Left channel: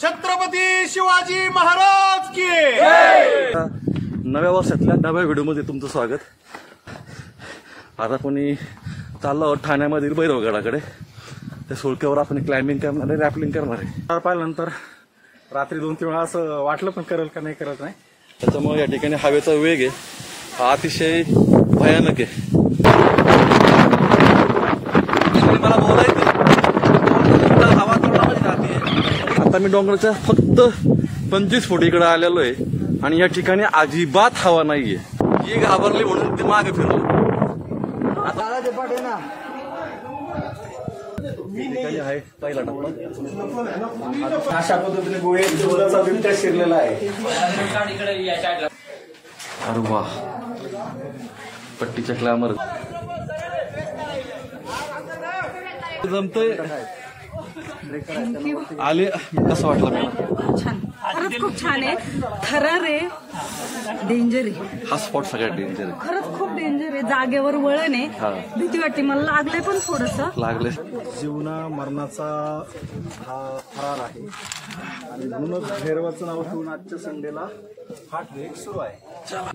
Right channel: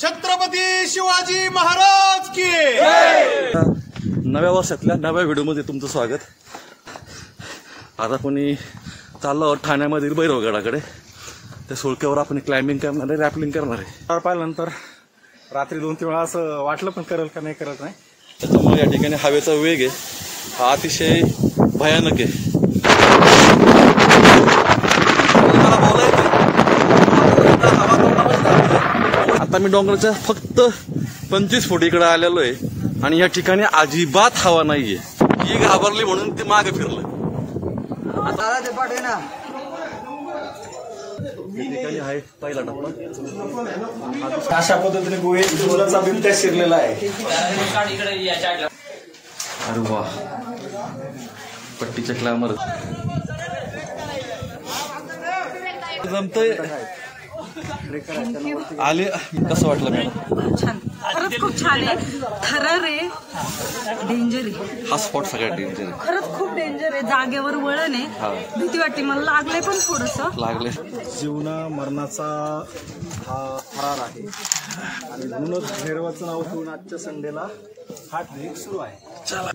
छत्रपती शिवाजी महाराज की नव्या वर्षातल्या नव्या व्हिडिओमध्ये तुमचं स्वागत। आता कोणी चाललो आहोत ठाण्यामधील भैरवगडाकडे। त्या सुळक्यावर आपण क्लाइम्बिंग करणार आहे, रॅपलिंग करणार आहे। पाहिल्यानंतर रात्री 2-3 वेळा असं वाटलं पण करेल का नाही करत नाही। त्याच्यामुळे या ठिकाणी हवेचा वेग आहे हा अतिशय भयानक आहे। आता मी डोंगराच्या फक्त 25 फूट इकडे आलेलो आहे आणि या ठिकाणी अजिबात हवा नाहीये। ही घाबरली म्हणून ते मागे फिरलं। ठिकाणी आहे पहिला टप्पा। अशा पद्धतीने गुहेचा बिबट्या शिरलेला आहे। अरे वा, पट्टीच्या क्लामर जमतंय। आले कसं वाटलं मॅडम? खूप छान, खरंच खूप छान आहे। थरार आहे, डेंजर आहे हा स्पॉट सगळ्यात डेंजर आहे। खरंच खूप डेंजर आहे। जागेवर वळण आहे, भीती वाटते। मला लागलंय पण थोडस लागले। जीवना मरणाचा हा थरार आहे आणि म्हणूनच भैरवाचं नाव ठेवून आजच्या संडेला हा ट्रेक सुरू आहे।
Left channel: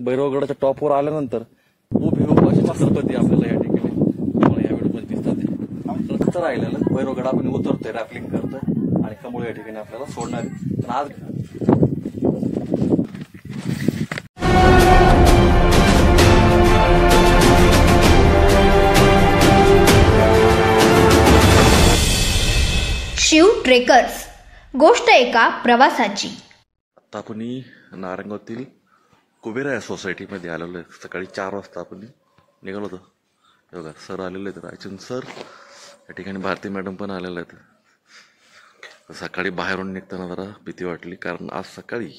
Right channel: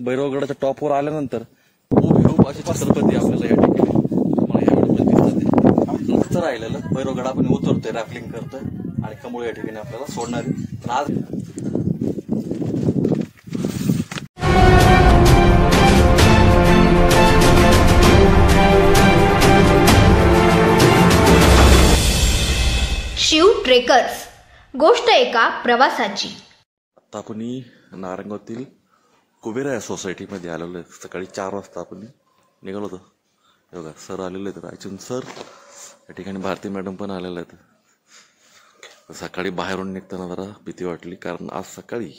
भैरवगडाच्या टॉपवर आल्यानंतर उभी असे छत्रपती आपल्याला या ठिकाणी तुम्हाला या व्हिडिओमध्ये दिसतात। राहिलेलं भैरवगड आपण उतरतोय, रॅपलिंग करतोय आणि कमळ या ठिकाणी आपल्याला सोडणार आहे। पण आज शिव ट्रेकर्स, गोष्ट एका प्रवासाची। आता आपण नारंगावतील कुबेरा या सोसायटीमध्ये आलेलो आहे। सकाळी 4 वाजता आपण निघालो होतो। हे बघा सर आलेले आहेत, रायचंद सर। या ठिकाणी भारती मॅडम पण आलेल्या आहेत। सकाळी बाहेरून निघताना जरा भीती वाटली, कारण आज सकाळी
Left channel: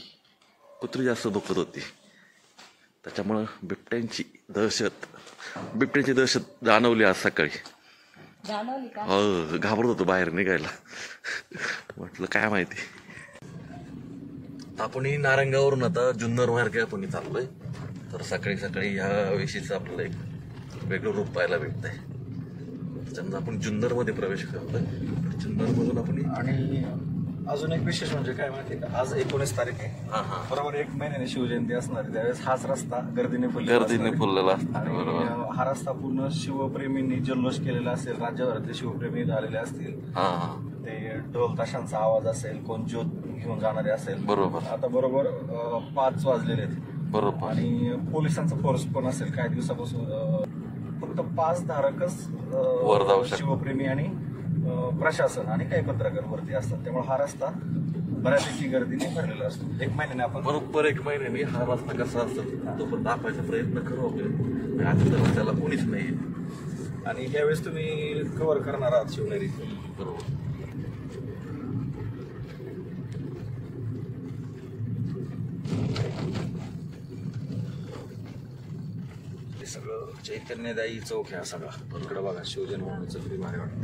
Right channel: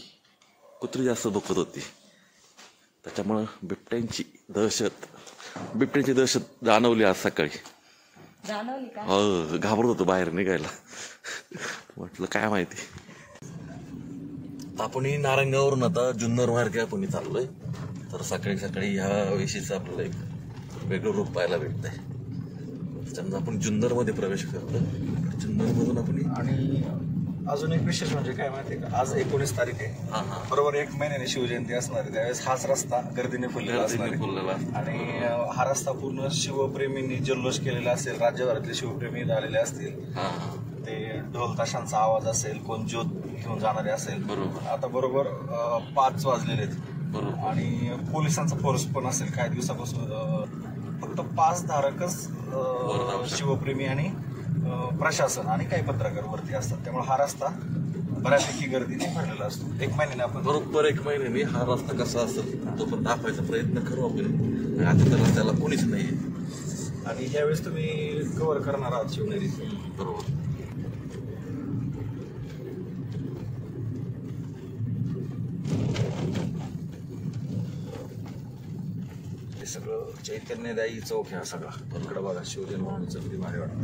कुत्री जास्त दुखत होती। त्याच्यामुळं बिबट्यांची दहशत जाणवली आज सकाळी। हो, घाबरत होतो बाहेर निघायला। म्हटलं काय माहिती। आपण नारंगावरून आता जुन्नर मार्गे आपण चाललोय। तर सकाळी सकाळी ह्या विषयीचं आपल्याला एक वेगळं रूप पाहायला भेटतंय। त्याच्यानंतर आपण जुन्नर मध्ये प्रवेश करतोय। जुन्नर मधून आपण आणि अजून एक विशेष म्हणजे काय माहितीये का, आज 19 तारीख आहे। बरोबर 1 महिन्याने शिवजयंती असणार आहे। त्यावेळेस हाच रस्ता गर्दीने फुललेला आणि हा रस्ता पूर्ण शिवप्रेमींनी जल्लोष केलेला असेल। राज्यभरातले शिवप्रेमी आलेले असतील, ते ढोल ताशांचा आवाज असेल, कोण ज्योत घेऊन जाणारे असेल। बरोबर आता बरोबर 5 वाजलेले आहेत। बरोबर आणि पोलिसांचा फोर्स पण असेल। काही दिवसापासून फक्त 5 धारकच शिवप्रेमी आणि प्रशासन आणि काही पत्रकार वरती असतात। त्यामुळे हा रस्ता बऱ्यापैकी गर्दीने भरलेला असतो। 1 महिन्याने आपण बरोबर 1 महिन्याने हा रस्ता कसा असेल तो पण दाखवायचा प्रयत्न करू आपण। आता तर रस्त्याला कोणीच नाहीये आणि ह्यावेळेस तुम्ही कव्हर करणार आहात शिवनेरी। बरोबर सगळं चैतन्यदायी चौक आहे सगळा। इकडे बघा शिवजन्मभूमीचं किती भारी वाटतं।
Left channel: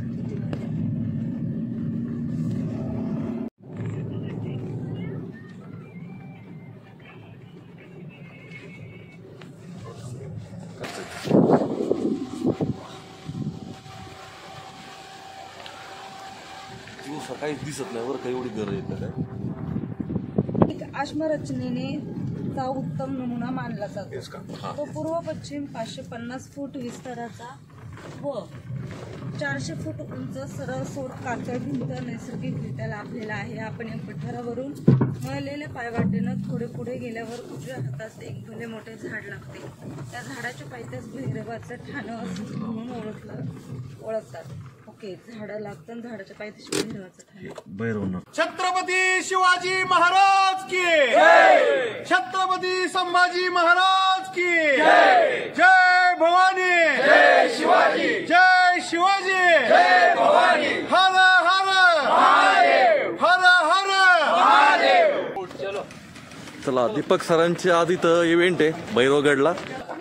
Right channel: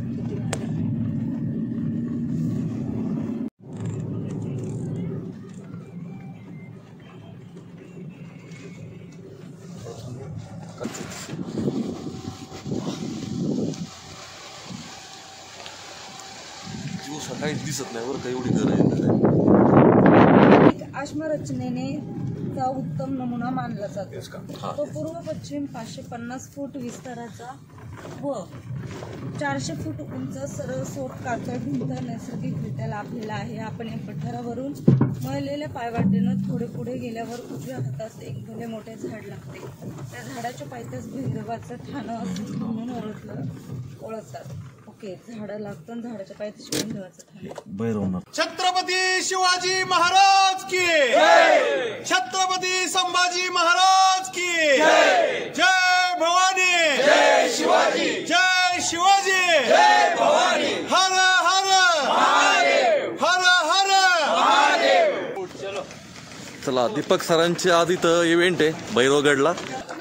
जीव सकाळी दिसत नाही बरं का, एवढी गरज आहे। आश्मरचनेने चा उत्तम नमुना मानला जातो। तो पूर्व पश्चिम 550 फूट विस्ताराचा व 400 फूट उंच सरळ सोट कातळ भिंत नैसर्गिकरित्या लाभलेला आहे। आपण या पठारावरून मळलेल्या पायवाटेनं थोडे पुढे गेल्यावर उजव्या हातास एक भले मोठे झाड लागते। त्या झाडाच्या पायथ्यास भैरवाचं ठाणं म्हणून ओळखतात। ओके, झाडं लागतं, झाडाच्या पायथ्याशी भैरवाचं ठाणं। भैरवनाथ। छत्रपती शिवाजी महाराज की छत्रपती संभाजी महाराज की जय भवानी, जय शिवाजी, जय शिवाजी, जय भवानी। हर हर महादेव, हर हर महादेव। चला, दीपक सरांची आज इथं इव्हेंट आहे भैरवगडला।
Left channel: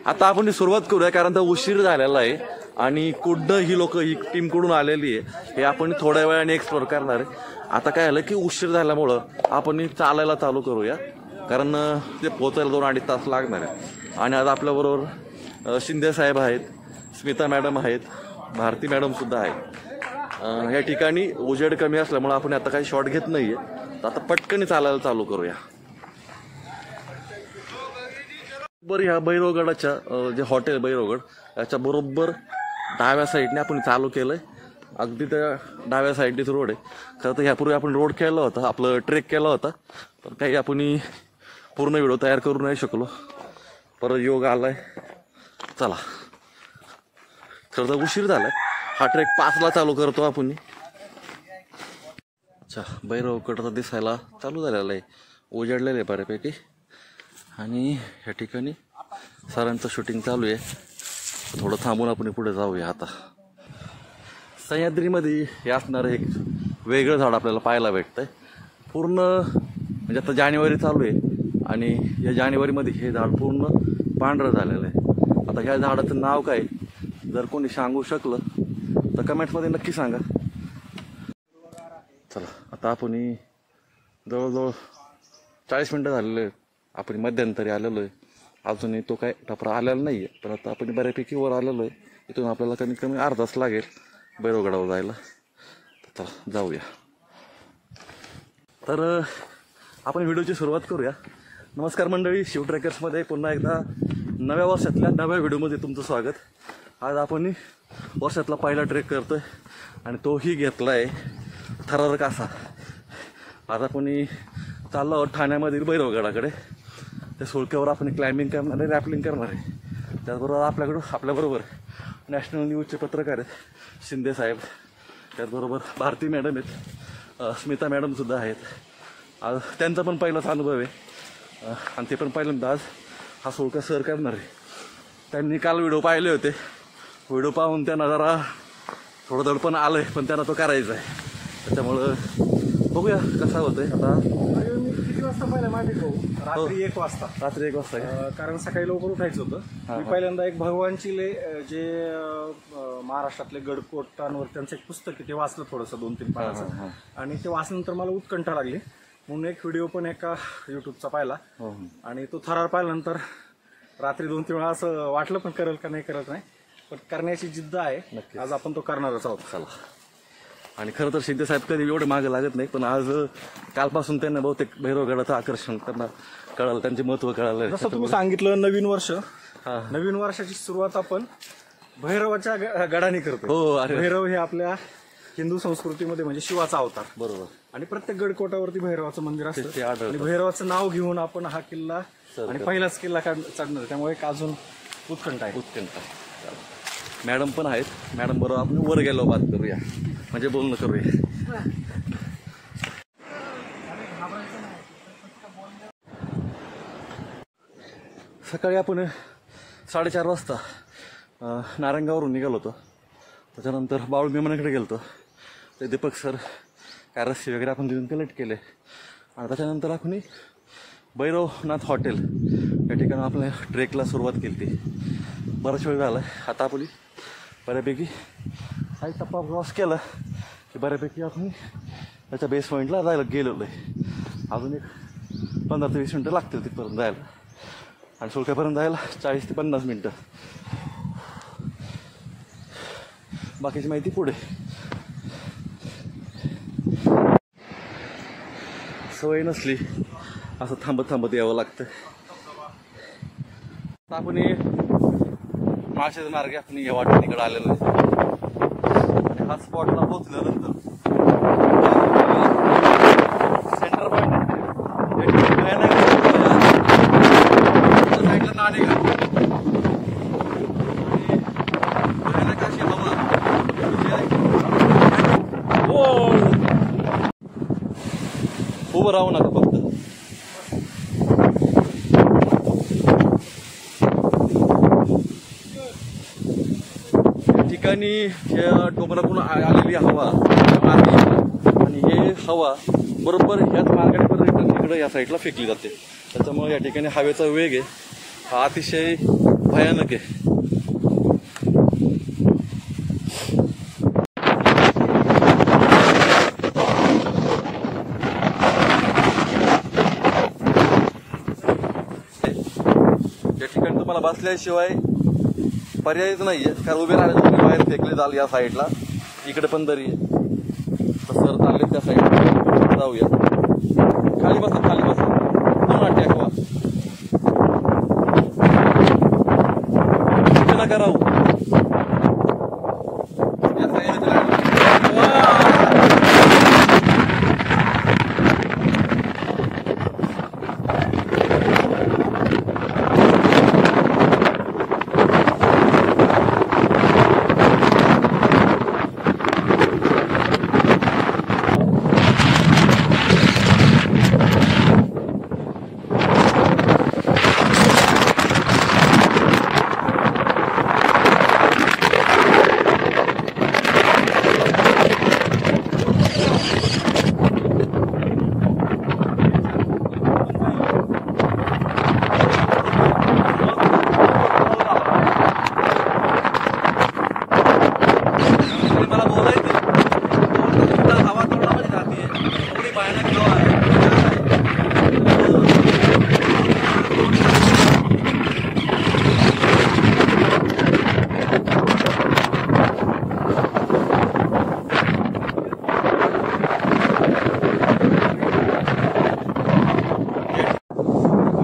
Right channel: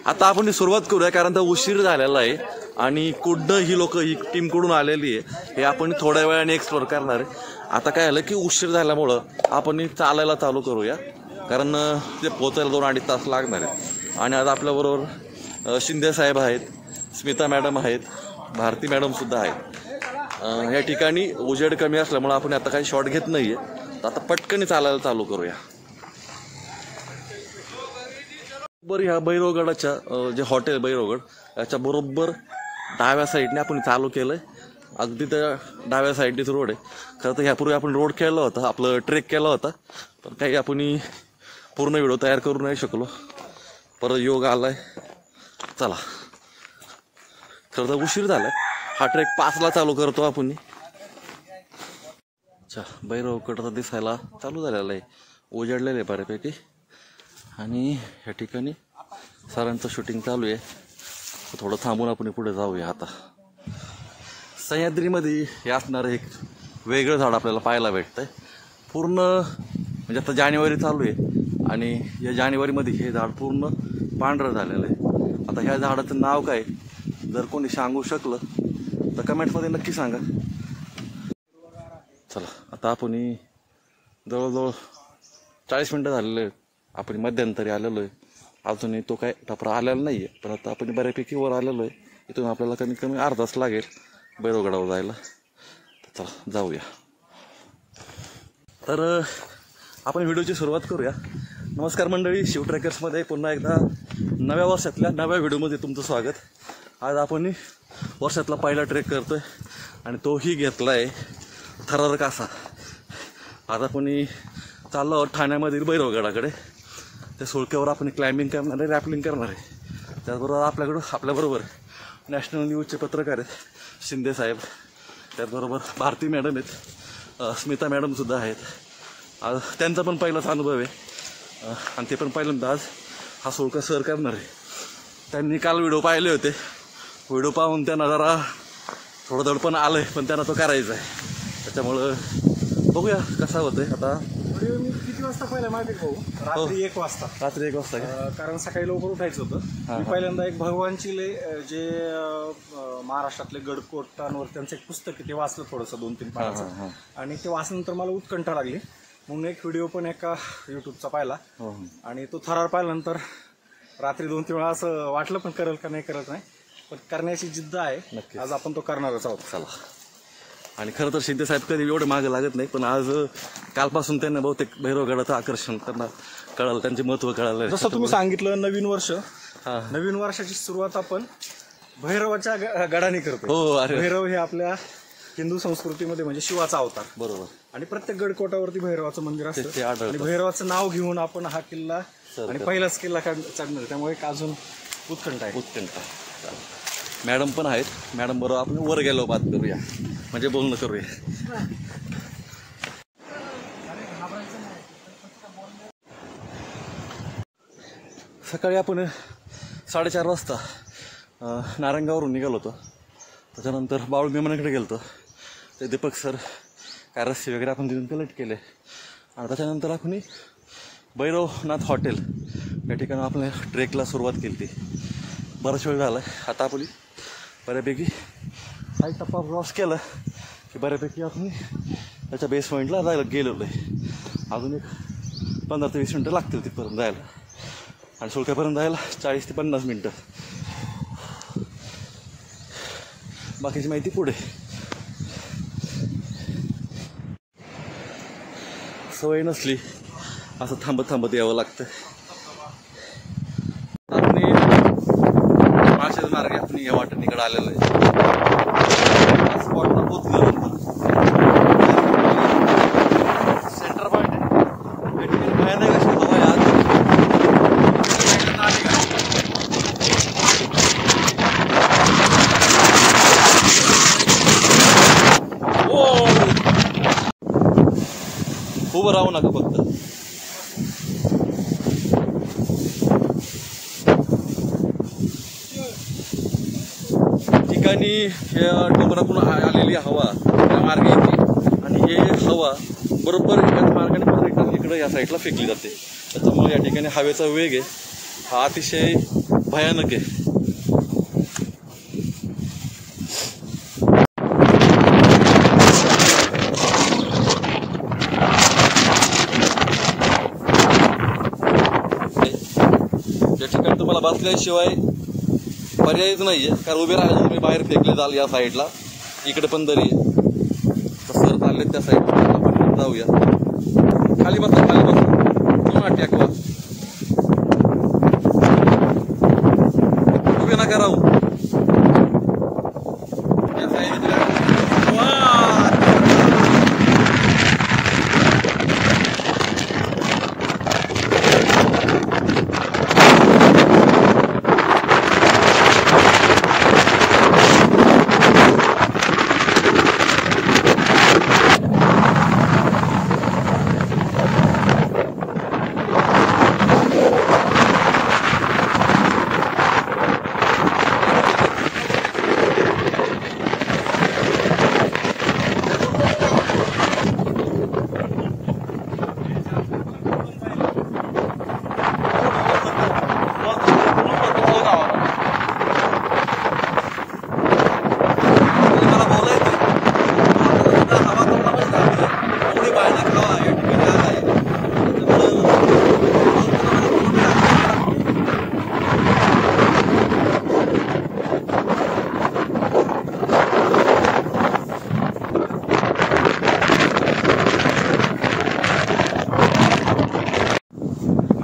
आता आपण सुरुवात करूया, कारण तर उशीर झालेला आहे आणि कुठं ही लोक ही टीम कडून आलेली आहे। हे आपण थोड्या वेळाने एक्सप्लोर करणार आहे। आता काय झालं की उशीर झाल्यामुळं आपण चालायला चालू करूया, कारण ते पोहोचायला 2-2.5 तास लागणार आहे। आणि आज आपल्याबरोबर शिंदे साहेब आहेत, स्मिता मॅडम आहेत, भारती मॅडम सुद्धा आहेत। या ठिकाणी उजेड कमी असल्यामुळे आपण आता काही शॉट घेत नाहीये। तर आता पटकन चालायला चालू करूया. बरं, ह्या भैरवगडाच्या जे हॉटेल भैरवगड याच्या बरोबर डाव्या साईडने आपण चालू केलंय. अगदी त्या डाव्या साईडनेच रोड आहे. खरं तर ह्यापूर्वी आपण रोड केला होता, आपलं ट्रेक केला होता, पण काही आपण पूर्ण व्हिडिओ तयार करू नाही शकलो. परत योग आलाय. चला, खरं तर उशीर झालाय. हा ट्रेक 5ला चालू करतो आपण. अच्छा, भैरवगड तर दिसायला चालू झालेला आहे, उजाडलेलं आहे बऱ्यापैकी. आणि ह्या ठिकाणी सरांचं शूटिंग चालू आहे. थोडं थांबून आपण पुढे जाऊया. आता सह्याद्रीमध्ये हे असणारं एक वेगळं झाड आपल्याला पाहायला भेटतंय. पूर्ण म्हणजे आता जानेवारी चालू आहे आणि या जानेवारीमध्ये हे झाड पूर्ण पांढरं झालेलं आहे. आता ह्या झाडाचं नाव काय, जर कोणी सांगू शकलं तर कमेंट्समध्ये नक्की सांगा. चला, आता आपण जवळजवळ 40 मिनटं झालेले आहेत. आपण मध्यंतरी आलेलो आहे. अजूनही तो काय टपरा आलेला नाही आहे, पण आता आपण बऱ्यापैकी वर आलेलो आहे. इथून आपल्याला कमीत कमी अर्धा तास लागेल भैरवगडावर जायला. तर चला जाऊया. तर आपण व्हिडिओची सुरुवात करूया. नमस्कार मंडळी, शिव ट्रेकर्समध्ये पुन्हा एकदा नव्या वर्षातल्या नव्या व्हिडिओमध्ये तुमचं स्वागत. आज आपण वर्षातला पहिला ट्रेक करतोय आणि तोही घेतला आहे थरारक असा. आज आपण चाललो आहोत ठाण्यामधील भैरवगडाकडे. त्या सुळक्यावर आपण क्लाइम्बिंग करणार आहे, रॅपलिंग करणार आहे. त्याचबरोबर आपल्याबरोबर नॅशनल न्यूजचे पत्रकार आहेत शिंदे साहेब, त्याचबरोबर भारती मॅडम आहेत, स्मिता मॅडमसुद्धा आहेत. आज त्यांचा पण पहिलाच अनुभव आहे आणि ते पण पहिल्यांदा आज हा सुळका सर करणार आहे. त्यांनी काल व्हिडिओ पाहिले होते. व्हिडिओ पाहून त्यांना जरा थोडं दडपण आलं आहे, पण त्यांना तो करायचा आहे. त्याच्यामुळं बघूया कसा होतोय. आता मी किती वाजता पाहिलं माहिती भाऊ? रात्री 1 वाजता. रात्री 1 वाजता कारण सकाळी लवकर उठायचं होतं. मी पहिल्यांदा एक भगवान चिले जे महाराष्ट्रातले गडकोटांवर त्यांचं एक पुस्तक आहे ते वाचलं थोडंसं 2-3 पानाचं. आणि ते वाचल्यानंतर मला उत्कंठा लागली म्हणून एक व्हिडिओ पण एका युट्यूबचा पाहिला. आणि तो थरार पाहिल्यानंतर रात्री 2-3 वेळा असं वाटलं, पण करेल का नाही करत नाही, पण करण्याची जिद्द आहे. आज आपण तो करणारच आहोत. चला. आणि खरं तर शिंदे साहेब कधी एवढे मागे लागत नाही, पण आज कालपासून त्यांना बहुतेक भैरवगडाचं आकर्षण त्यांना कळालं, त्यांचे महत्त्व कळालं. जसं तुम्ही सांगितलं नवीन वर्ष, नवीन वर्षाची सुरुवात आपण भैरवाच्या गडाने करतो. हो, भैरव हे आपल्या हिंदू संस्कृतीमध्ये म्हणजे शिवाचा अवतार. बरोबर. आणि प्रत्येक गडकोटावरती भैरवाचं मंदिर असतं आणि भैरवाचं नाव घेऊन आपण हा किल्ला आणि पहिलाच किल्ला चढणार, त्यामुळे एक अजून उत्कंठा आहे. मॅडम पण आहेत. मॅडम बरोबर आपण वर गेलो बात करूया, म्हणजे बोलणं करूया. सकाळी आपण 4:30 वाजता नारायणगाववरून निघालो होतो. त्याच्यानंतर बाळू विमानाकडे गेलो होतो. ते दीपक सर काय रस्ते वगैरे आपण तिथून कलेक्ट केले. आणि त्याच्यानंतर आपण भैरवनाथ हॉटेल या ठिकाणी आपल्या ट्रेकला सुरुवात केली. ती बराच वेळ झाला. आता आपण बऱ्यापैकी हा टप्पा क्रॉस केला की बऱ्यापैकी आपण त्याच्या बेस पॉईंटला जायला गेलेलो आहे. अजून एक 15 ते 20 मिनटं लागतील तिथपर्यंत जायला. आणि सुळक्यापर्यंत जायला 40 ते 50 मिनटं. बाकीची माहिती पुढे. सवय नसली असं थांबत थांबत यावं लागतं. आपण माळशेज मार्गे आपण या वाटेकडे आलेलो आहे. हा स्पॉटला पोचल्यानंतर सेंटर पॉईंट भयानक उभं राहू नका फक्त. ठिकाणी ह्या डोंगरातून आलेली हवा त्या मार्गे येते आणि हे हवा बरोबर याच मार्गाने परत रिटर्न इकडं या साईडला फेकली जाते. त्याच्यामुळे या ठिकाणी हवेचा वेग आहे हा अतिशय भयानक आहे. या ठिकाणी तुम्हाला बसल्याशिवाय पर्यायच नाही आहे, कारण उभे राहिले तुम्ही बाहेर फेकले जाल. या साईडला इकडे पण दरी तर सर चालले त्या साईडला जाऊया. खाली बसा खाली बसा टेकवा नका राहू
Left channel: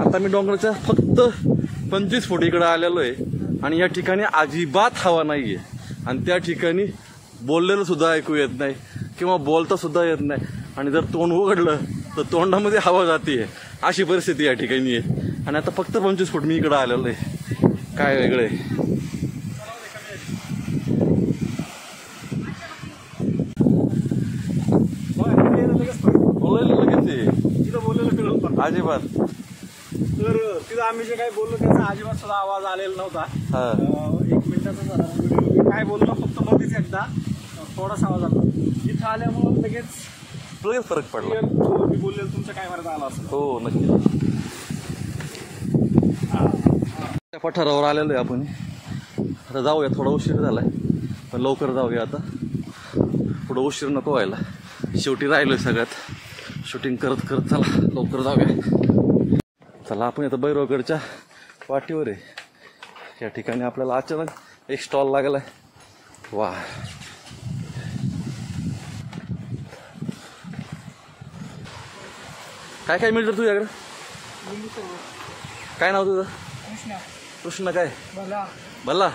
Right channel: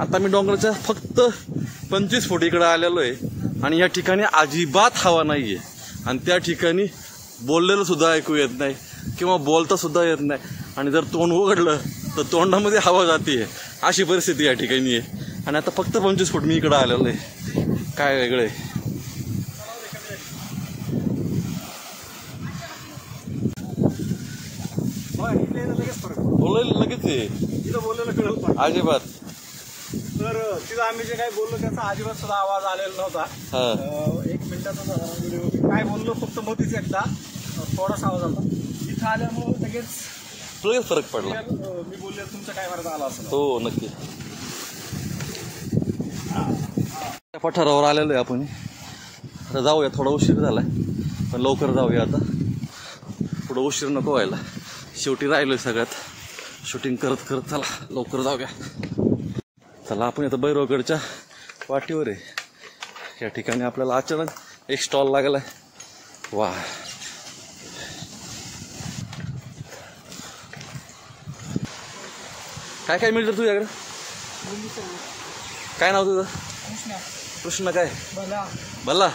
आता मी डोंगराच्या फक्त 25 फूट इकडे आलेलो आहे आणि या ठिकाणी अजिबात हवा नाहीये आणि त्या ठिकाणी बोललेलं सुद्धा ऐकू येत नाही किंवा बोलता सुद्धा येत नाही आणि जर तोंड उघडलं तर तोंडामध्ये हवा जाते अशी परिस्थिती या ठिकाणी आहे आणि आता फक्त 25 फूट मी इकडे आलेलो आहे. काय वेगळं आहे. बोलायला लगेच आहे तिथं बोललेलं कळलं पण अजिबात. तर तिथं आम्ही जे काही बोललो त्याचा अजिबात सुद्धा आवाज आलेला नव्हता. 1 मिनिटाचा झाला व्हिडिओ. काय बोललो फक्त मध्येच एकदा थोडासा आवाज आला. इथं आल्यामुळे लगेच फरक पडला. मी बोललेलं तुमच्या काय मार्गात आला असं. हो नक्की. त्या पठारावर आलेलो आहे आपण. आता जाऊया. थोडा उशीर झालाय पण लवकर जाऊया. आता पुढं उशीर नको व्हायला. शेवटी राहिलोय सगळ्यात. शूटिंग करत करत चला लवकर जाऊया. चला आपण आता भैरवगडच्या वाटेवर आहे. या ठिकाणी आपल्याला अचानक एक स्टॉल लागलाय. वा काय काय मिळतं तुझ्याकडे? काय नाव तुझं? कृष्ण. काय भल्ला.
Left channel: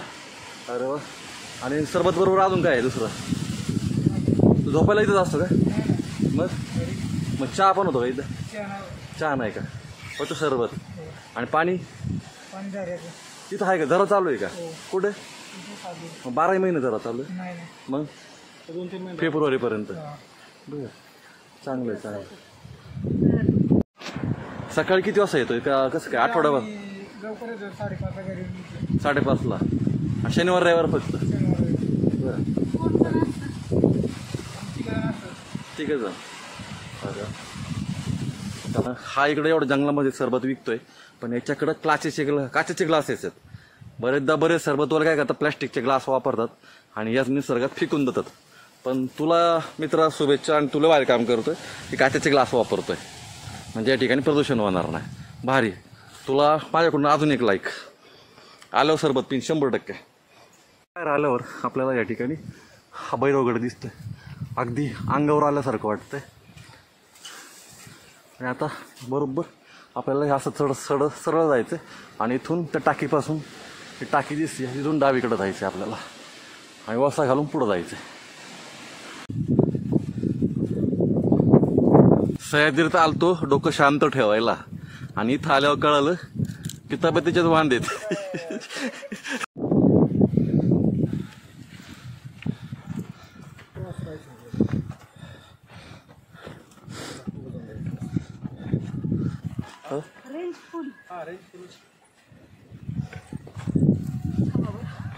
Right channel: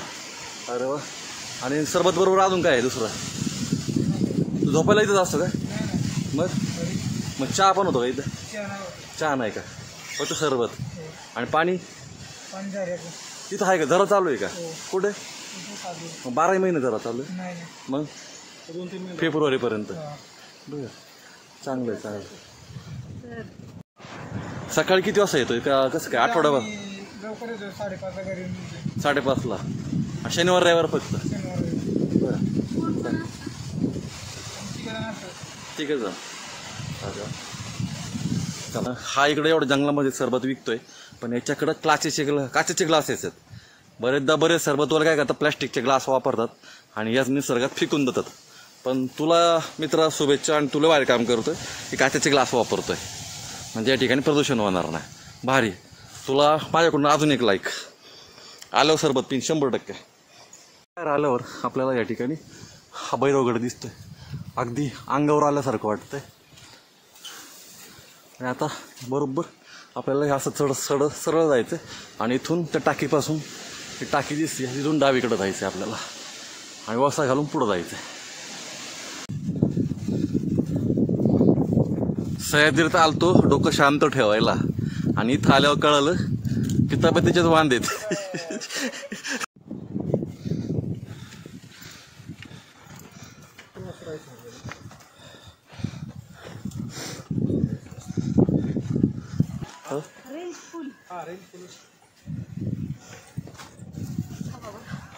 अरे वा. आणि सरबत बरोबर अजून काय आहे दुसरं? तू झोपायला इथंच असतो का? मग चहा पण होतो का इथं? चहा नाही का? फक्त सरबत आणि पाणी तिथं आहे का? जरा चालू आहे का? कुठे? 12 महिने जरा चालू आहे. मग फेब्रुवारीपर्यंत. बरं चांगलं आहे चांगलं. सकाळी किती वाजता येतोय का? कसं काय? आठवड्याभर 5:30ला. शनिवार रविवार फक्त. बरं ठीक आहे सर. हा इकडे एवढं जंगलामध्ये सरबत विकतोय पण याच्याकडं काचेचे ग्लासेस आहेत. बरेचदा बरेच सरबतवाले काय करतात प्लॅस्टिकचे ग्लास वापरतात आणि याच निसर्गात फेकून देतात. पण तुला मित्रा शुभेच्छा आणि तुला वाईट काम करतोय की काचेचे ग्लास वापरतोय म्हणजे या ठिकाणी प्रदूषण होणार नाही. भारी. तुला माझ्याकडून अजून एक लाईक. आल्यावर सरबत पिन 100%. बाहेर आल्यावर आपल्याला या ठिकाणी हा भैरवगड दिसतोय. अगदी अंगावर आल्यासारखं वाटतंय. आणि आता बरोबर आपल्याला हे असं सरळ जायचं आणि इथून त्या टाकीपासून ही टाकी दिसते तिथून डावीकडे जायचं आपल्याला आणि वसा घालून पुढं जायचं. सह्याद्रीत आलतो डोकं शांत ठेवायला आणि इथं आल्यावर कळालं की तब्येतीच्याच वांदेत.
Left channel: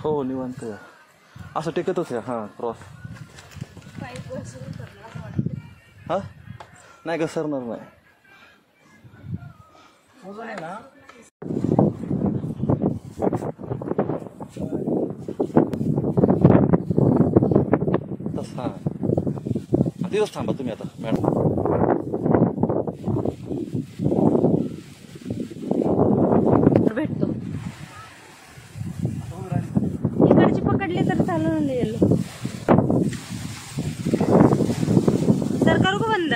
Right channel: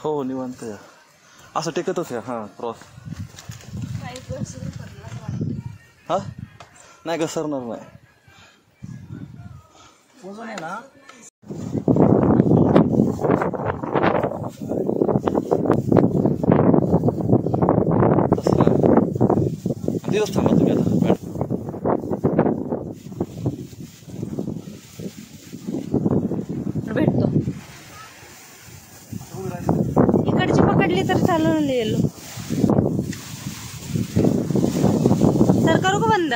हो निवांत. असं टेकतच आहे. हां क्रॉस. हा नाही घसरणार नाही. तसं तिथंच थांबा तुम्ही आता. भेटतो इकडची पकडली तर चालून येईल. सर करू का बंद?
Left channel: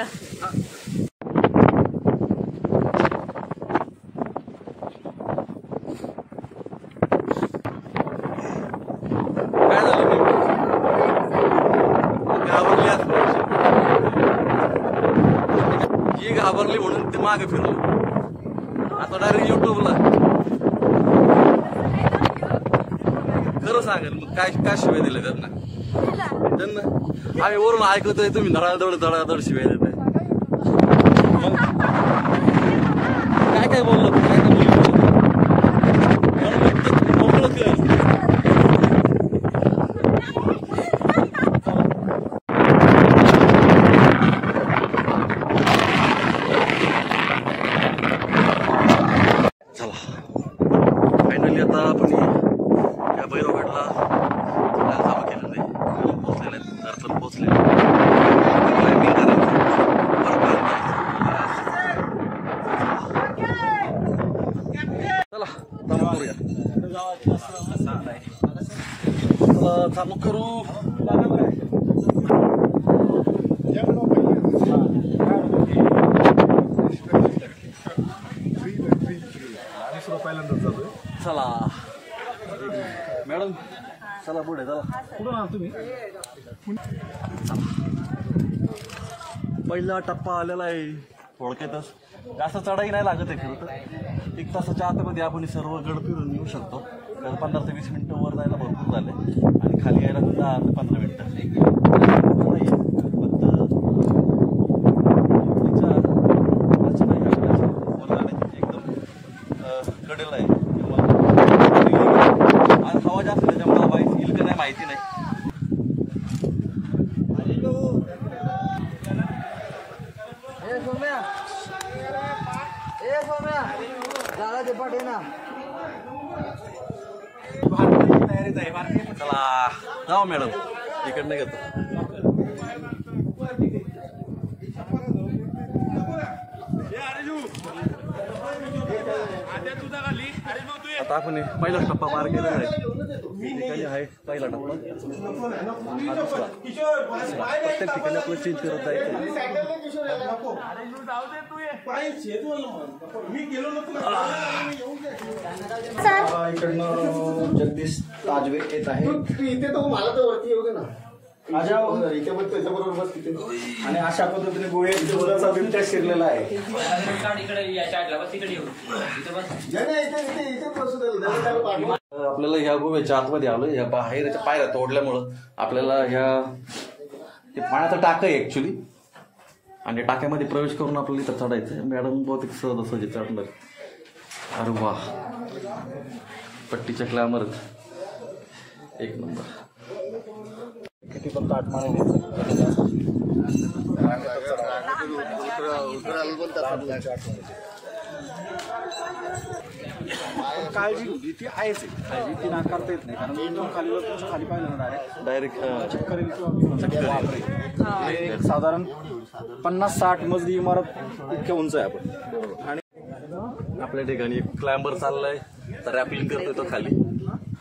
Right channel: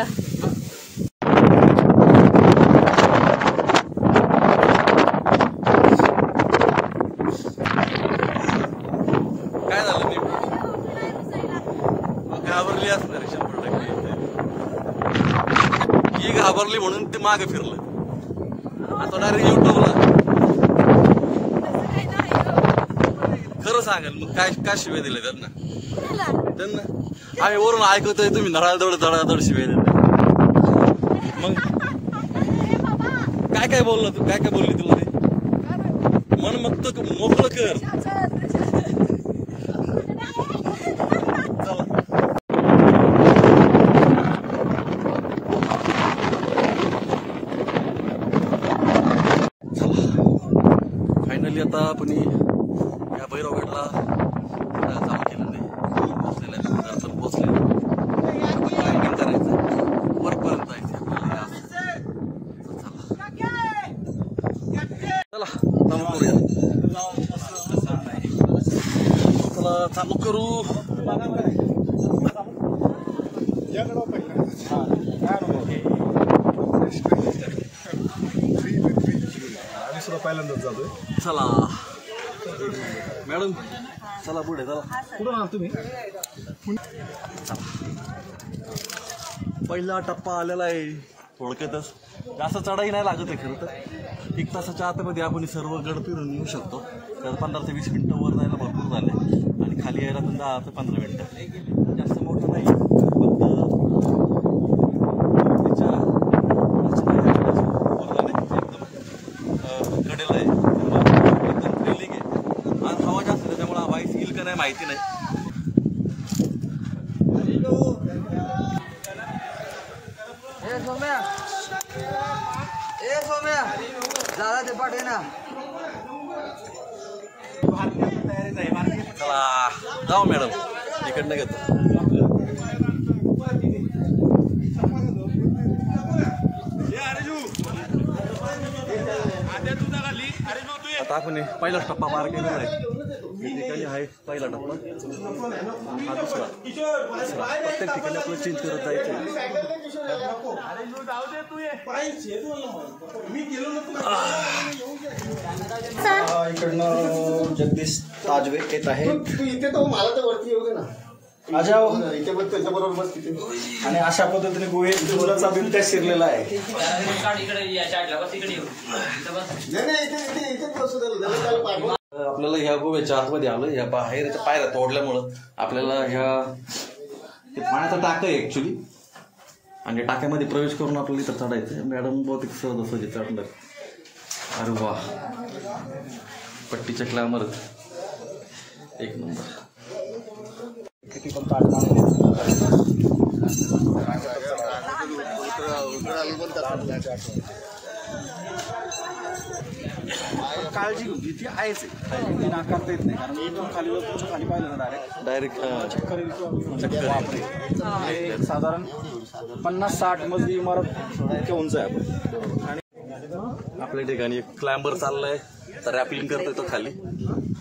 घाबरली म्हणून ते मागे फिरलं. आता डायरेक्ट युट्यूबला खरं सांगेल मग काय शिवाय दिले त्यांना आम्ही वरून ऐकतोय तुम्ही धडाधड शिवाय देताय. मग काय बोललो तू काय बोलली म्हणून मग तर मोकळं कर. फायनली आता आपण या भैरवगडला चालू केलेलं आहे. पोचलेलं आहे घर पण पोचले. क्लाइम्बिंग करायचं वरपर्यंत जायचं. चला चालू करूया. चला चालू करू. चला मॅडम चला पुढे चला. कुठून आला तुम्ही? पहिला टप्पा आलेला आहे. थोडक्यातच जास्त चढाई नाही लागत आहे खरं तर. 1 तासाच्या आतमध्ये आपण सर्व गड फिरून येऊ शकतो. कारण 15 ते 20 मिनिटं वर जायला भरपूर झाले आणि खाली यायला तर 10 ते 15 मिनिटं. मोठं नाही फक्त एकदम कडेला आहे. आज हवा जास्त त्याच्यामुळे हवा येईल का नाही माहिती नाही. चला जाऊ मॅडम तिकडनं घेतो. आता आपण पहिलाच टप्पा पार केलेला आहे. या ठिकाणी आहे पहिला टप्पा, हा दुसरा. प्रत्येक ठिकाणी आपलं चेंज करत जायचं आहे. इकडनं जगदीश ताजवे येत आहे. इथे तर मला तर वरती येऊ दे ना. आणि अशा पद्धतीने गोव्याचा बिबट्या शिरलेला आहे. आपल्याला ह्या गोव्याच्या आतमध्ये आलं. या बाहेरच्या पायऱ्या तोडल्यामुळं आपल्याला ह्या पाण्याचा टाका आहे ऍक्च्युली आणि टाक्यामध्ये प्रवेश करून आपल्याला इथं चढायचं. मॅडम बहुतेक सहज चढलं. अरे वा पट्टीच्या क्लॅमर एक नंबर. काळजी घ्यायची ती आहेच. ती नाकारता येत नाही कारण एकदम खाली जर तुमच्या खाली पाहिलं ना डायरेक्ट चक्कर साधारण 50-60 मजली इमारत इतक्या उंच आहे आपण. आणि आपल्या ठिकाणी क्लाइंबर चाललाय तर रॅपलिंग करतोय तो खाली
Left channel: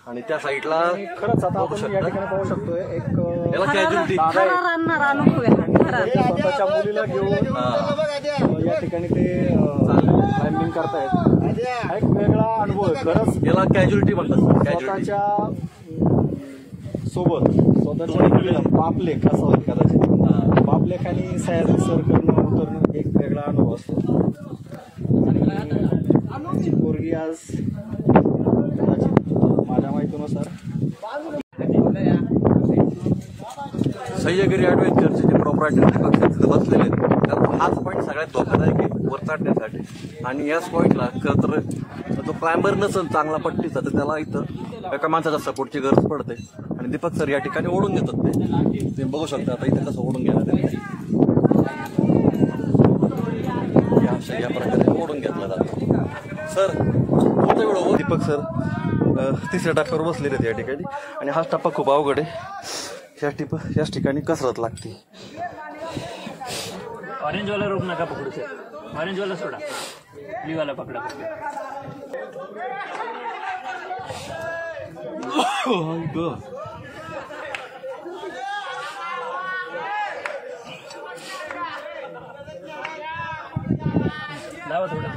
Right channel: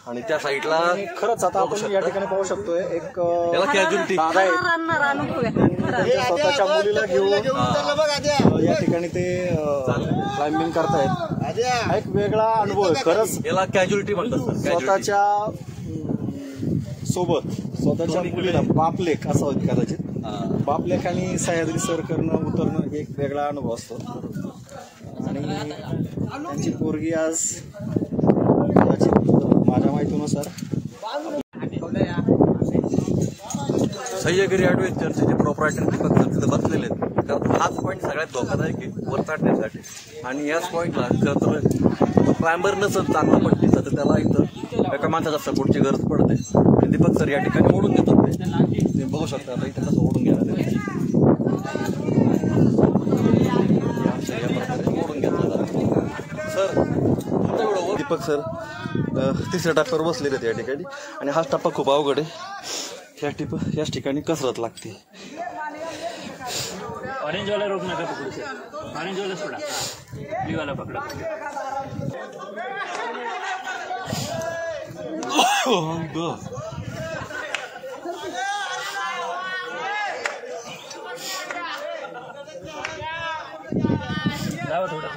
आणि त्या साईडला खरंच आता आपण या ठिकाणी पाहू शकतोय एक याला कॅज्युअलिटी स्वतःच्या मुलीला घेऊन या ठिकाणी ते क्लाइम्बिंग करतायत. एक वेगळा अनुभव आहे खरंच. याला कॅज्युअलिटी म्हणतात. स्वतःच्या सोबत स्वतःच्या बापलेख असं होईल कदाचित. बापलेख आणि सह्याद्री सर करणं उतरणं एक वेगळा अनुभव असतो. आणि त्यांची पोरगी आज माझ्या माहितीनुसार सह्याद्री ॲडव्हेंचरचे जे प्रॉपरायटर फक्त तिथं बसलेले आहेत. कारण हाच पॉईंट सगळ्यात धोकादायक आहे वर चढण्यासाठी. आणि याच पॉईंटला खरं तर तो क्लाइंबर नसेल चांगला पट्टीचा तर त्याला इथं एका माणसाच्या सपोर्टची गरज पडते. आणि दीपक सर या ठिकाणी ओढून घेतात. ते तुम्ही बघू शकता आता इथं कसं ओढून घ्यायला ओढून घेतलं जातं. सर तुमचा एवढं दीपक सर 3ऱ्या टप्प्यावर बसलेले आहेत या ठिकाणी. आणि हाच टप्पा खूप अवघड आहे. याच ठिकाणी कसरत लागते. ऑरेंज वाला रोक नका पकडू सर. ऑरेंज वाला सोडा. ब्लू वाला पकडा. लावा थोडं.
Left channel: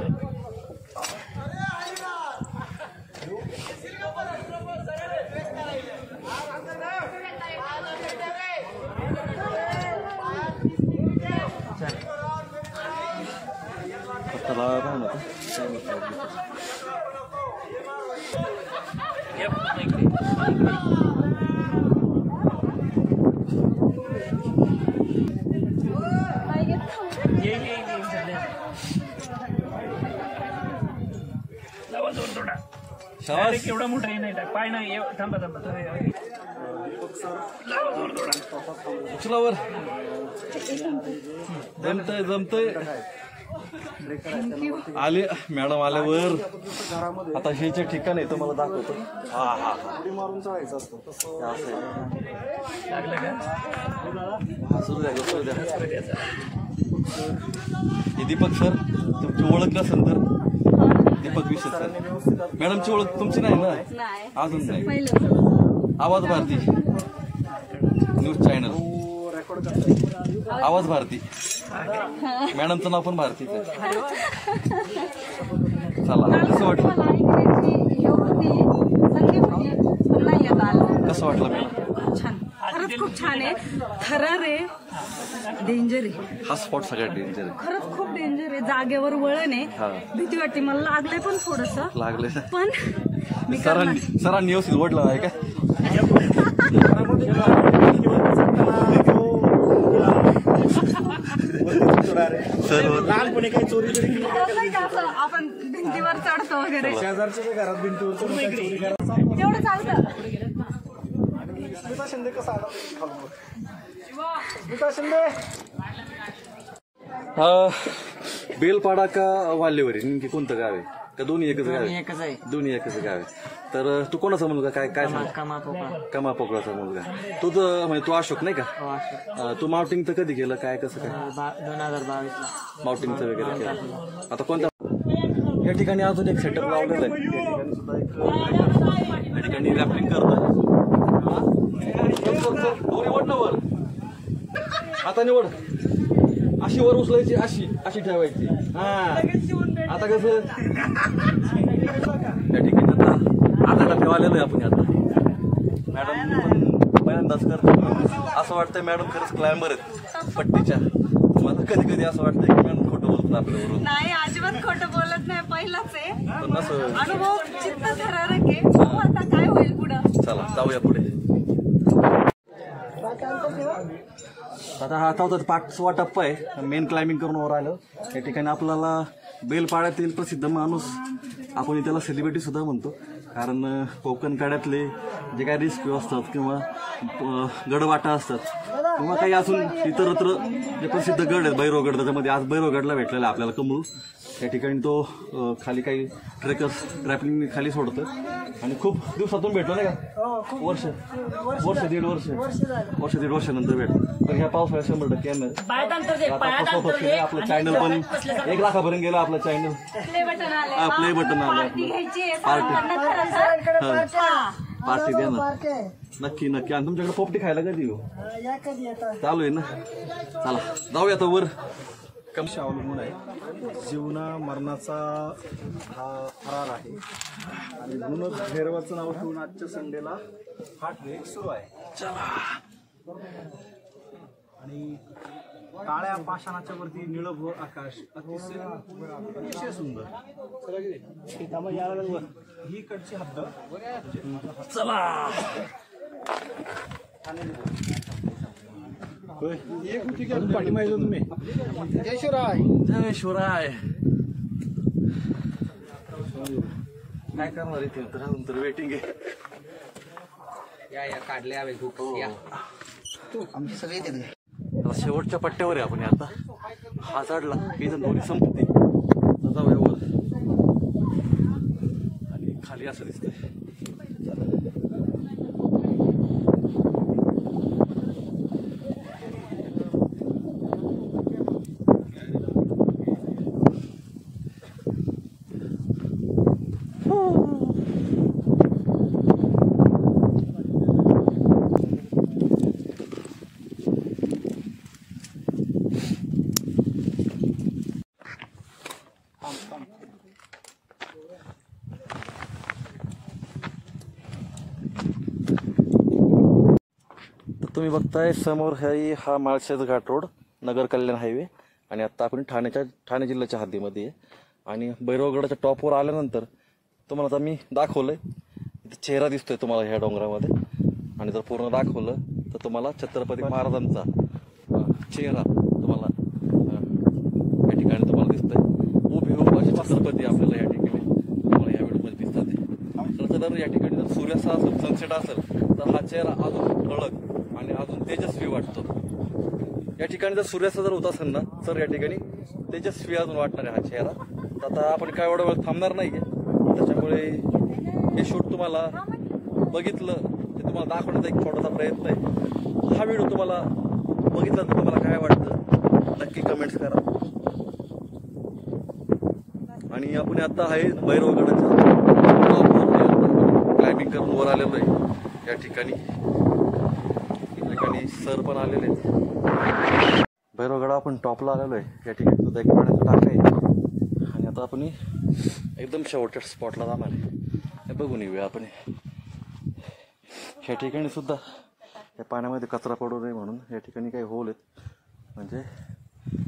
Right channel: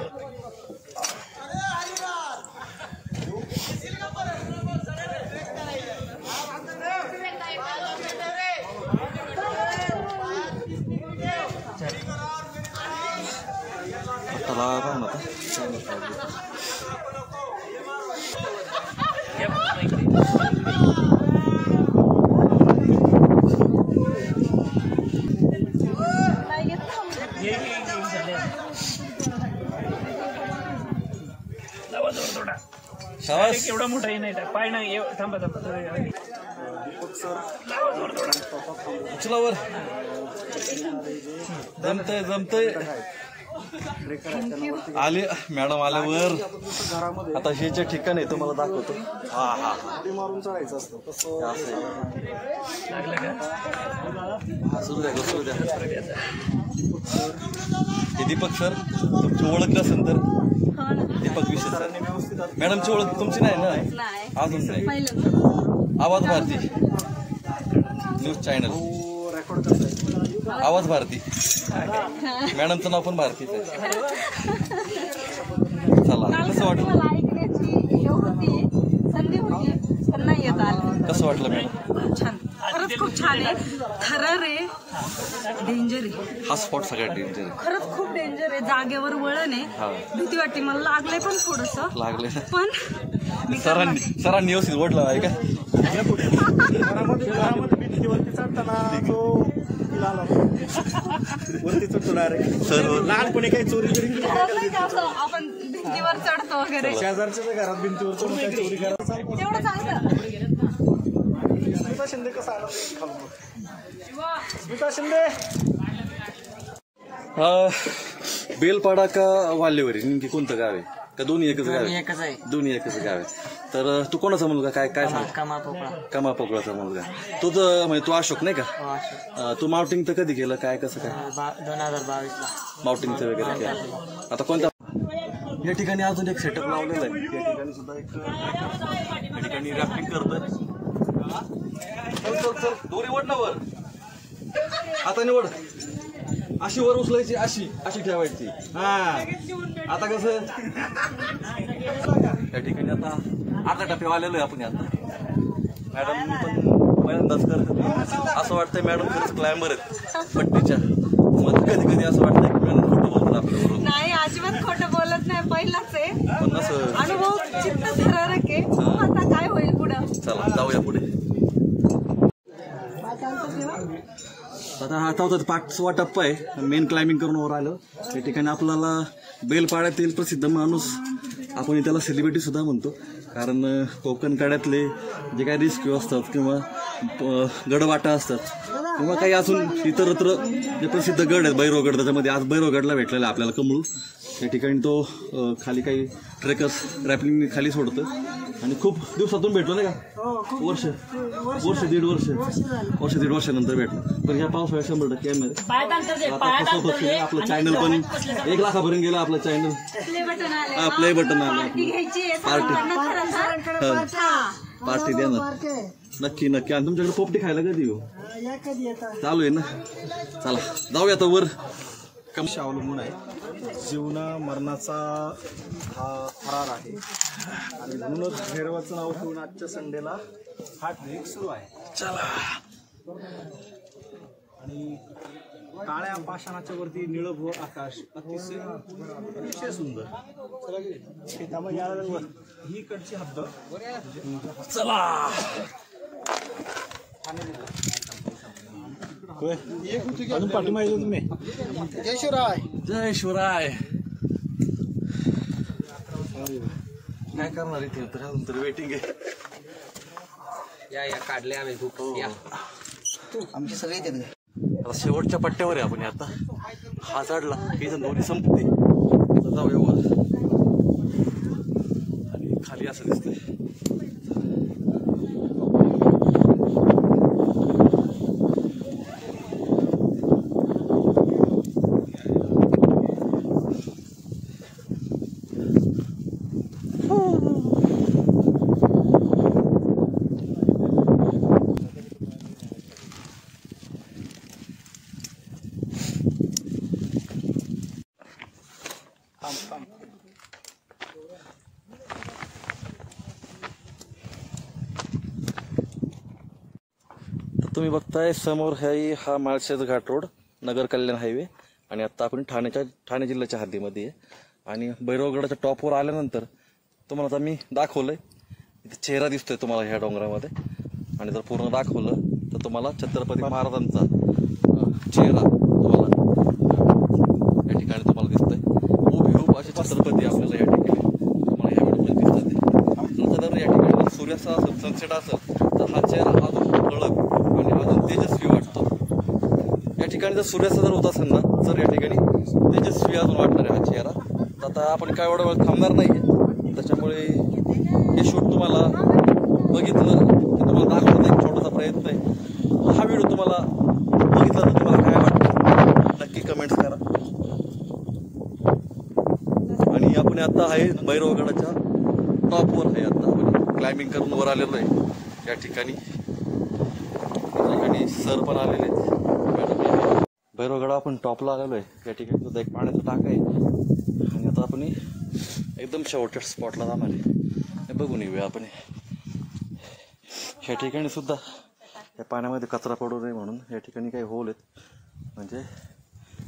चला पाहू आता. शाबास. एवढा मोठा नाही पाय ना. थांबा थांबा. उचलावर जमतय आले मॅडम आल्यावर. आता हे जे ठिकाण आहे तुम्हाला दाखवतो. हा हा मारून चढायचं असतं तसं. सुरू द्या. हे दीपक सर तुमची ओळख नसेल तर दीपक विषय सर. मॅडमची ओळख तुमची नाही ना अजून नाही. आवाज भारती न्यूज चॅनल. आवाज भारती. मॅडमचं नाव पण भारतीच आहे. चला कसं वाटलं. कसं वाटलं मॅडम. खूप छान. खरंच खूप छान आहे. थरार आहे. डेंजर आहे. हा स्पॉट सगळ्यात डेंजर आहे. खरंच खूप डेंजर आहे. जागेवर वळण आहे. भीती वाटते. मला लागलंय पण थोडस लागले पण सरांनी व्यवस्थित ओढलं आहे का. लहानपणी काही चोरी आपण भिंतीवर चढतो वगैरे. शेजारच्या घरात भिंतीवर चोरी करायचं. तेवढं चालतं. स्मिता शिंदे कसं आला. स्मिता शिंदे. बेलपाडा का वाल्यवरी नेमकी कोणतं गाव आहे का दोन्ही एकच गाव आहे. दोन्ही एकच गाव आहे. तर तू कोणाचा मुलगा काय काय कमा पोकळाचा मुलगा. तुझ म्हणजे तू अशोक नाही का. तू माउंटिंग तर कधी केलं काय कसं काय. 2022 माउंटिंगचं वगैरे केलं. आता कोणत्या या ठिकाणी अजून एक सेटअप लावलेलं आहे. या ठिकाणी रॅपिंग करतोय. दोरी वड ना वर. आता निवड अशी वर उचलायची अशी ठेवायची. आता कसं त्या ठिकाणी आता टप्प्यावर आलेलो आहे आपण. आता मॅडम पण पहिल्यांदाच करते. असं वाटतंय मॅडम खरंच क्लायंबर आहेत पट्टीच्या. मग कधी असं वाटतंय की मॅडम खोटं बोलतात आपल्याबरोबर. नाही अजिबात खोटं बोलत नाही. पहिलाच आहे. पण असं अनुभव चित्त थरारक आहे. आता काय होईल पुढं. चला जाऊया पुढे. आता हा चौथा 5वा टप्पा आहे. मेन क्लाइम्बिंग करून वर आलं. या ठिकाणी आपल्याला बेलपाड्यातील प्रसिद्ध माणूस आपण त्याला सेलिब्रिटी सुद्धा म्हणतो. कारण कोकण काड्यातले जे काही रिस्क्यू असतात किंवा गडवाटा असतात किंवा काही अजून इतरत्र जे प्रसिद्ध गड आहेत. भैरवगड त्याच्यामध्ये आज भैरवगडला भेटलेला आपल्याला कमळ. या ठिकाणी तो खाली काही ट्रेकर्स रॅपिंग खाली सोडतं आणि खूप दिवसातून भेटलो नाही का. दीड वर्षानंतर भेटतो. पण ह्या पावसाळ्यात 100% येणार. आपलं चॅनल पण 1 लाखापर्यंत गेलं. आपलं चॅनल प्ले बटन आलं. पार्टी द्या ना. नक्की. आणि तुमच्याकडे पोपटी खायला कधी येऊ. चालू आहे ना. चला जाऊया आता वर. कमशी अवलंबून आहे. जीवना मरणाचा हा थरार आहे आणि म्हणूनच भैरवाचं नाव ठेवून आजच्या संडेला हा ट्रेक सुरू आहे. चला. आणि काळ्या पाषाणाच्या वरती निळभ आकाश अतिशय सुंदर. ही कडची हद्द. चला अजून पाठीमागे तुम्ही. जय शिवराय. काय करणार इथे तर अजून तर वेटिंग आहे. या काढले हवे खूप. आमची सगळी तिथे. आता शेवटच्या पट्ट्यावर आहे आपण. आता हा चढला की दोन्ही संपते. जाऊया वर. आणि खाली असं दिसतंय. तुम्ही बघताय समोर हा माळशेज घाट रोड नगर कल्याण हायवे आणि आत्ता आपण ठाणे जिल्ह्याच्या हद्दीमध्ये आहे. आणि भैरवगडाच्या टॉपवर आल्यानंतर तुम्हाला आता मी दाखवलंय, इथे चेहरा दिसतोय तुम्हाला ह्या डोंगरामध्ये. आणि जर पूर्ण दाखवलं तर तुम्हाला छत्रपती महाराजांचा चेहरा तुम्हाला या ठिकाणी तुम्हाला दिसतोय. हुबेहूब असे छत्रपती आपल्याला या ठिकाणी तुम्हाला या व्हिडिओमध्ये दिसतात. जर या ठिकाणी जर सूर्यास्त असेल, सनसेट असेल तर हा चेहरा अजून ठळक आणि अजून तेजस्वी वाटतो. या ठिकाणी जर सूर्यास्त जर होत असेल ना तर या ठिकाणी तेजस्वी अजून वाटणार आहे हा चेहरा. तर आता आपण काय एवढा वेळ थांबणार नाहीये, त्याच्यामुळे हे शूट तुम्हाला बघितलं की तुम्हाला दाखवण्याचा एक छोटासा प्रयत्न आहे. हा व्हिडिओ तुम्हाला बघितला तर तुम्हाला काय वाटतं नक्की कमेंट्स करा. आणि आपण आता आहे भैरवगडाच्या टॉपवर आहे, आता क्लाइम्बिंग करून वर आलेलो आहे. या ठिकाणी सर पण आलेले आहेत. भैरवगड आपण टॉपला आलेलो आहे. या ठिकाणी सुद्धा एक पाण्याचा टाका आहे. आणि आता आपण एकदम शेवटच्या स्पॉटला जाणार आहे. बघून येऊया आपण. ह्या ठिकाणी सुद्धा या पाण्यामध्ये कचरा पडू नये म्हणून या ठिकाणी काही होल आहेत, म्हणजे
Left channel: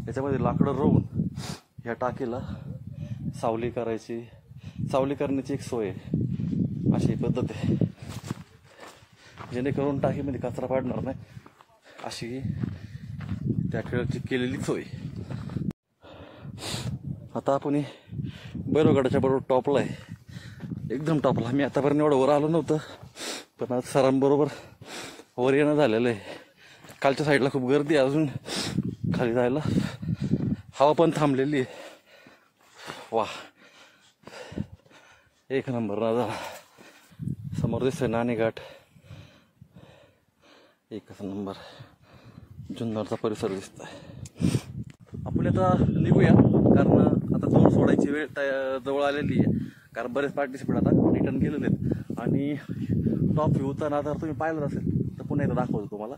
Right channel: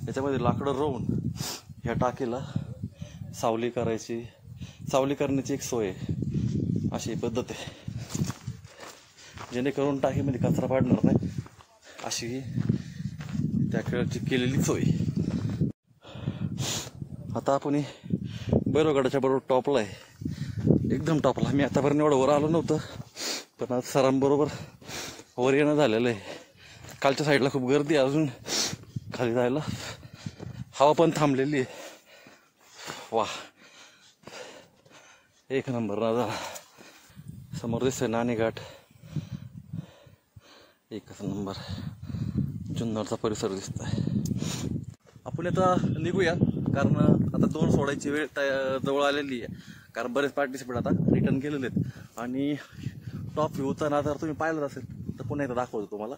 याच्यामध्ये लाकडं रोवून ह्या टाकीला सावली करण्याची एक सोय आहे. अशी पद्धत आहे जेणेकरून टाकीमध्ये कचरा पडणार नाही, अशी त्या खेळाची केलेली सोय. आता आपण भैरवगडाच्या बरोबर टॉपला आहे, एकदम टॉपला. मी आतापर्यंत एवढं वर आलो नव्हतं, पण आज सरांबरोबर वर येणं झालेलं आहे. कालच्या साईडला खूप गर्दी आहे, अजून खाली जायला हवा पण थांबलेली आहे. वा, एक नंबर नजारा. समोर दिसतोय नाणेघाट, एकच नंबर. जुन्नरचा परिसर दिसत आहे. आपण आता निघूया, कारण आता 2 सोडायची वेळ जवळ आलेली आहे. कारण बरेच पार्टिसिपेट आता रिटर्न गेलेले आहेत. आणि टॉप व्ह्यूचा नजारा तुम्ही पाहिलं असेल तर पुन्हा एकदा दाखवतो तुम्हाला.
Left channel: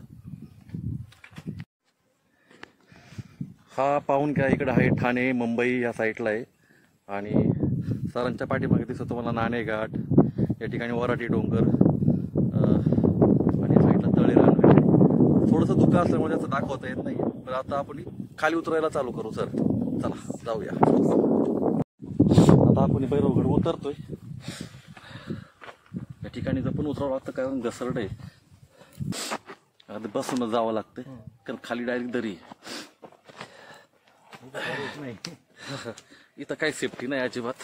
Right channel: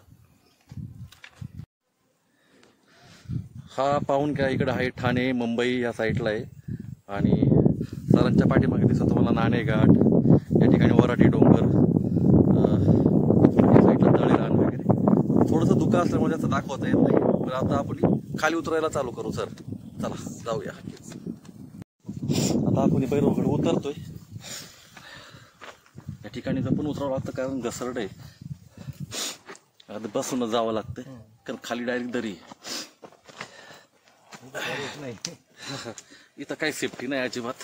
हा पाहून घ्या, इकडे आहे ठाणे मुंबई या साईडला आहे. आणि सरांच्या पाठीमागे दिसतो तुम्हाला नाणेघाट, या ठिकाणी वराटी डोंगर, आणि साईडला तळेरान वगैरे. थोडंसं धुकं असल्यामुळे जास्त दाखवता येत नाही. पण आता आपण खाली उतरायला चालू करू. सर चला जाऊया. आता आपण भैरवगड उतरतोय. या ठिकाणी जपून उतरावं लागतं कारण घसरड आहे. आता बसूनच जावं लागतंय कारण खाली डायरेक्ट दरी इथं काही सेफ्टी नाही अजिबात.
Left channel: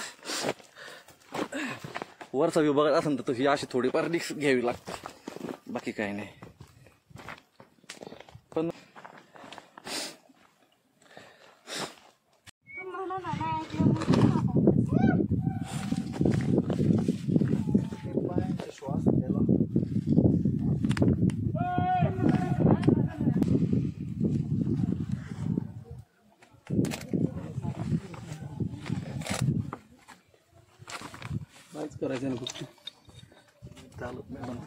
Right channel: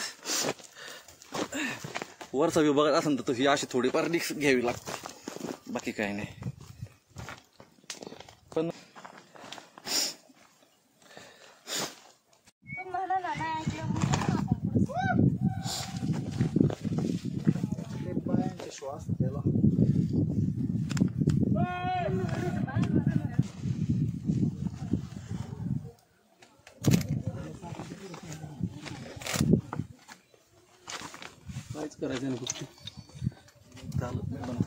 वरचा व्ह्यू बघत असेल तर ही अशी थोडीफार रिस्क घ्यावी लागते, बाकी काही नाही. पण श्वास द्यायला काहीच करायचं नाही. कुठची चालत मॅडम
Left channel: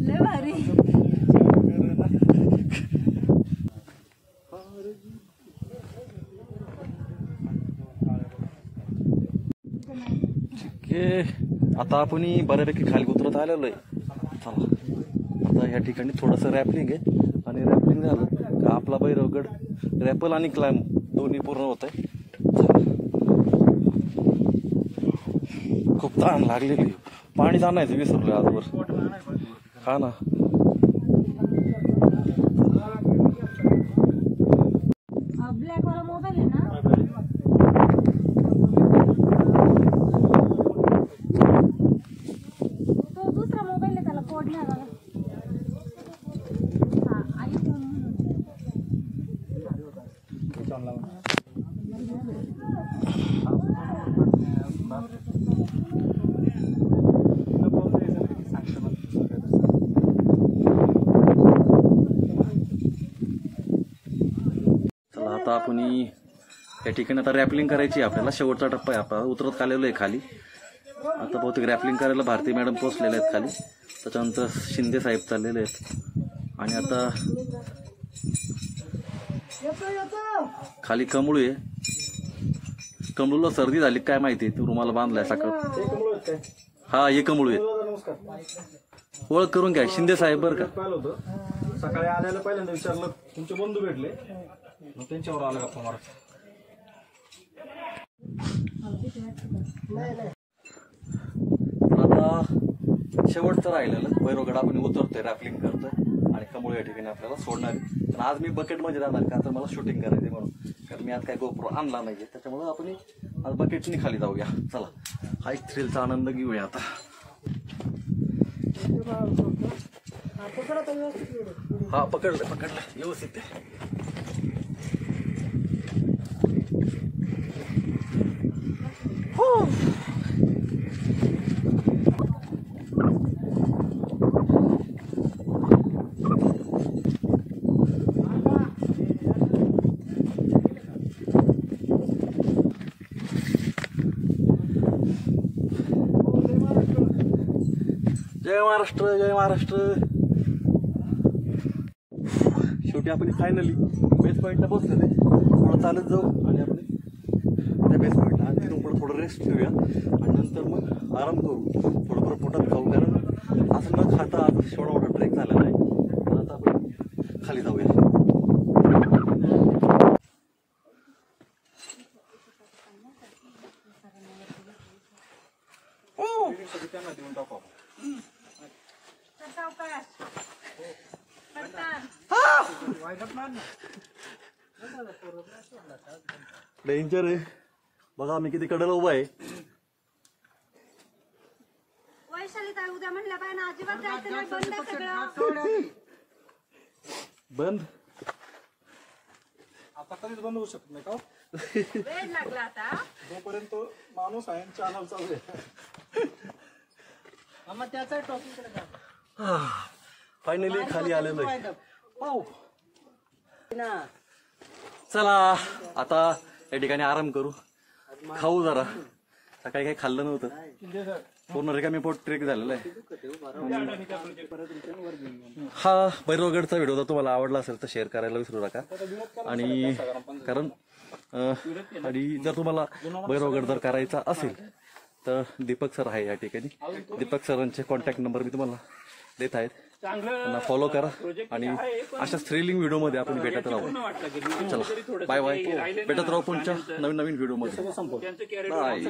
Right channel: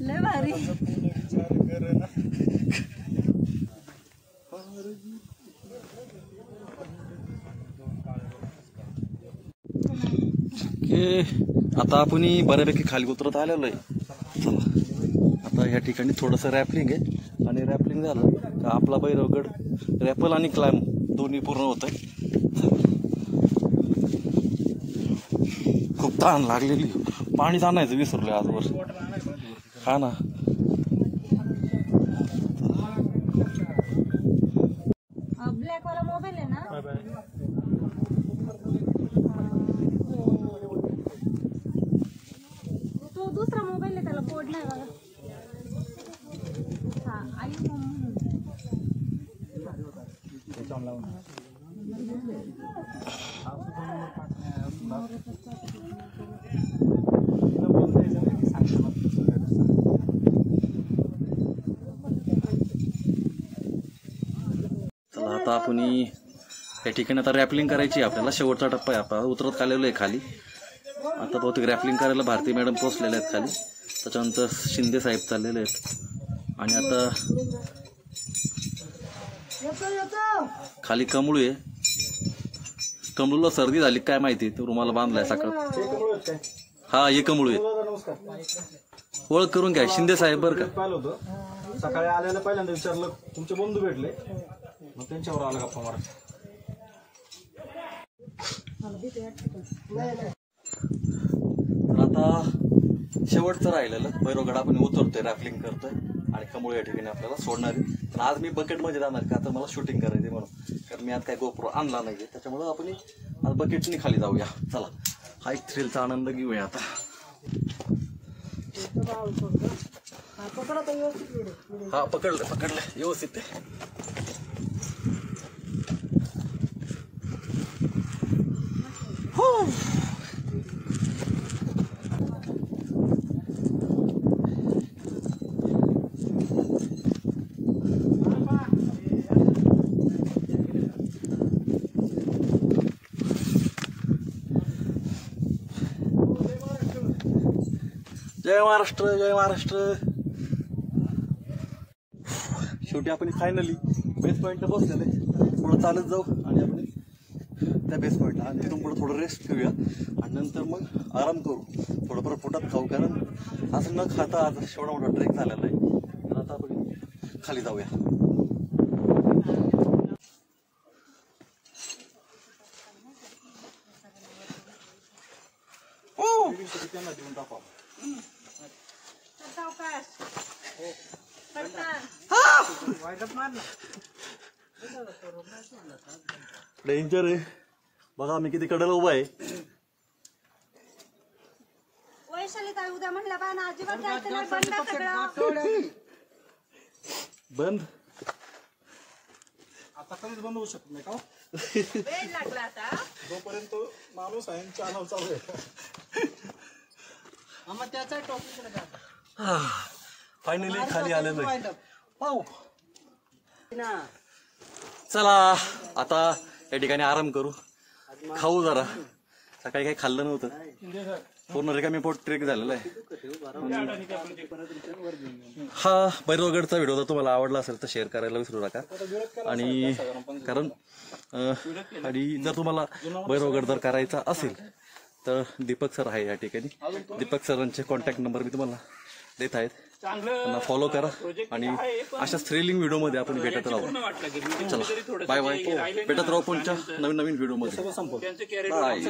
लय भारी. आता आपण बऱ्यापैकी खाली उतरत आलेलो आहे. चला आता या ठिकाणी थोडंसं रॅपलिंग आहे, आणि रॅपलिंग झालं का आपला भैरवगड रॅपल आणि क्लाइंब दोन्ही पूर्ण होत आहे. खूप ताण लागलेली, पाणी आणायचं विसरलोय आजवर. हा ना, ब्लॅक वाला मोबाईल आहे ना. तो दुसरा मोबाईल आहे, त्याला कोड नाही बघा. चला आता आपण या ठिकाणी आता रॅपलिंग करायची आपल्याला. शेवटचा टप्पा आहे आपला. उतरत आलेलो आहे खाली. आता बहुतेक रॅपलिंग करायला भारती मॅडम पोचलेले आहेत खाली. त्याच्यानंतर शिंदे साहेब चाललेले आहेत. आणि आता खाली कमळू आहे. कमळूला सर्दी झाली काय माहिती, तू रुमाला बांधलाय सकाळ. हा हे कमळू आहे. ओळख करून घ्या, शिंदे साहेब बरं का. पाहिलं होतं सकाळी आल्याला पहिल्यांदा विचारलं तुमचे बंधू भेटले, मग त्यांच्यावर आलं गप्पा मारत. आता शेवटचं राहिलेलं भैरवगड आपण उतरतोय, रॅपलिंग करतोय आणि कमळ या ठिकाणी आपल्याला सोडणार आहे. पण आज मी बकेटमध्ये जाणार का, तर मला शूटिंग करायचे म्हणून, कारण मी आज काय गोप्रो आणला नाहीये, त्याच्यामुळे आपण आज बकेटनी खाली जाऊया. चला, हा एक थ्रिलचा आनंद घेऊया आता. हा पकडलं व्यवस्थित. जय महाराष्ट्र, जय महाराष्ट्र. शेवटी आपण फायनली बेस पॉईंटला पोहोचलेले. थोडं चालत जाऊ आणि आपण त्या बेस पॉईंटला आणि तिथून पुढे थोडं रेस्ट घेऊया आणि नंतर मग आराम करू, थोडंफार पोटात खाऊ, कारण असं न खाता आज एवढा मोठा ट्रेक झालेला आहे. तर आता आपण खाली जाऊया. डेंजर आहे बघा, मी किती कडेला उभा आहे. वैशाली ताई उद्या म्हणल्या बाय ना, अजिबात जायचं नाही, बंद सगळं. बंद आता कधीच बंद होऊ शकत नाही का, वेळ लागला आता. जोपर्यंत माणूस आहे चॅनल चालू आहे. त्याचा टॉपिक फायनली खाली आलेलो आहे. चला आता या ठिकाणी आराम करू, खाऊ जरा. सकाळी काही खाल्लं नव्हतं, पूर्ण रिकामी पोट ट्रेक झालेला आहे. हा भैरवगडचा व्हिडिओ जर तुम्हाला आवडला असेल तर शेअर करायला विसरू नका. आणि कारण आणि जर तुम्हाला भैरवगड जर करायचा असेल तर दीपक सर आहे या ठिकाणी. दीपक सरांचे कॉन्टॅक्ट नंबर मी तुम्हाला देत आहेत, त्यांना फॉलो करा आणि अशा थ्रिलिंग व्हिडिओमध्ये आपण भेटत राहू. चला बाय बाय, भेटत राहू पुढच्या नवीन व्हिडिओमध्ये. बाय.